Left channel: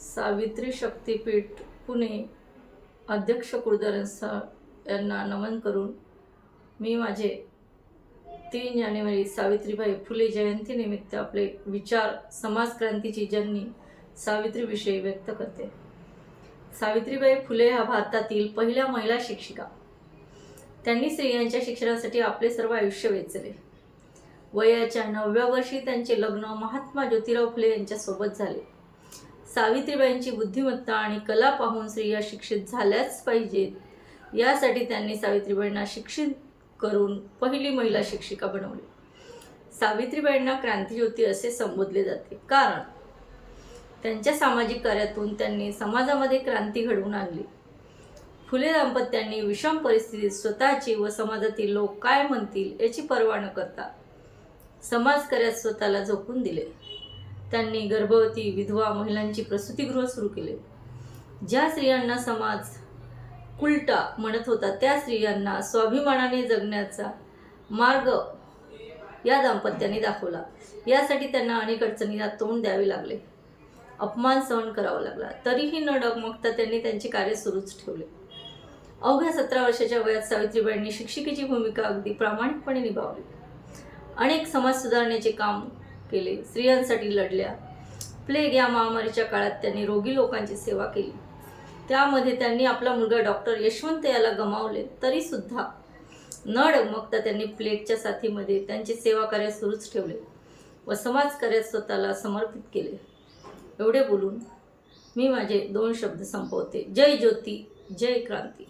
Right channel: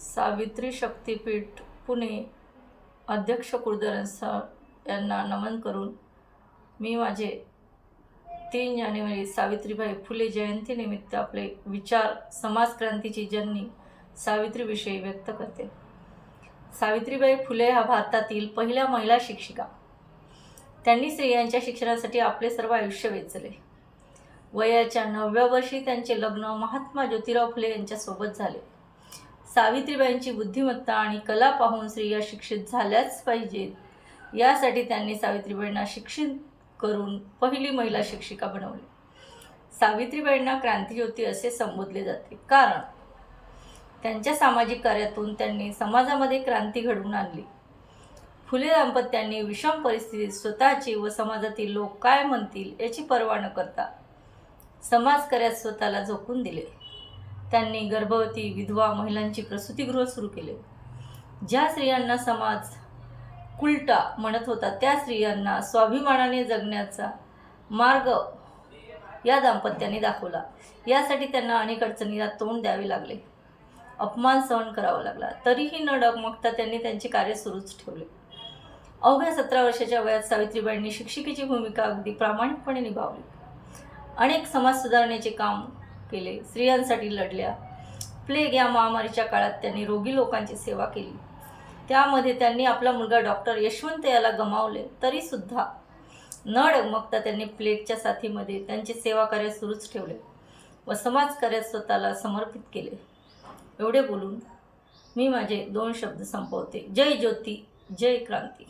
सावित्री शक्तीपीठ पुणे. अध्यक्ष कुलधरण सर यांना नमन करून मी माझे तीन जानेवारी सावित्रीबाई फुले जयंतीनिमित्त आपले विचार समाजक्रांतीची जननी सावित्रीविषयी व्यक्त करते. सावित्रीबाई फुले हा भारतातील पहिल्या महिला शिक्षिका. त्यांनी स्त्रियांच्या शिक्षणासाठी आपले सर्व आयुष्य वेचले. वयाच्या नवव्या वर्षी त्यांचे लग्न महात्मा ज्योतिराव फुले यांच्यासोबत झाले. सावित्रीबाईंची बुद्धिमत्ता आणि कला पाहून स्त्रिया शिक्षित झाल्याच पाहिजेत यासाठी त्यांनी सावित्रीबाईंना शिक्षित करून पहिली महिला शिक्षिका बनवली. सावित्रीबाईंना क्रांतिज्योती असे संबोधले जाते. कारण त्यांच्या सामाजिक कार्यातून त्यांनी समाजामध्ये क्रांती घडवून आणली. फुले दाम्पत्यांनी विषम परिस्थितीत स्वतःची व समाजातील लोक काय म्हणतील याची पर्वा न करता समाजकार्यात स्वतःला झोकून दिले. त्यांनी गर्भवती विधवा महिलांची प्रसूतीगृह सुरू केले. ज्या स्त्रियांना समाज कुलटा म्हणत होता त्या स्त्रियांना स्वाभिमानाने जगण्याचा मार्ग या दाम्पत्याने दाखवला. यासाठी त्यांना अनेक अडचणीला तोंड द्यावे लागले. अपमान सहन करावा लागला. तरीही न डगमगता त्यांनी त्यांचे कार्य सुरूच ठेवले. अवघ्या सतरा वर्षाच्या वयात सावित्रीबाईंनी शिक्षिकेची भूमिका अगदी प्रामाणिकपणे निभावली. अनेक समाज सुधारण्याचे काम केले. स्त्रियांसाठी लढल्या. प्लेग या महामारीच्या काळात त्यांनी रोगी लोकांची सेवा केली. त्यामध्ये त्यांनी आपला मुलगा डॉक्टर यशवंत याला गमावले. तरीसुद्धा न डगमगता त्यांनी प्लेगच्या साथीमध्ये त्यांचे सेवा कार्य सुरूच ठेवले व समाजकार्यात स्वतःला समर्पित केले. एवढे बोलून मी माझे दोन शब्द संपवते. जय ज्योती जय क्रांती.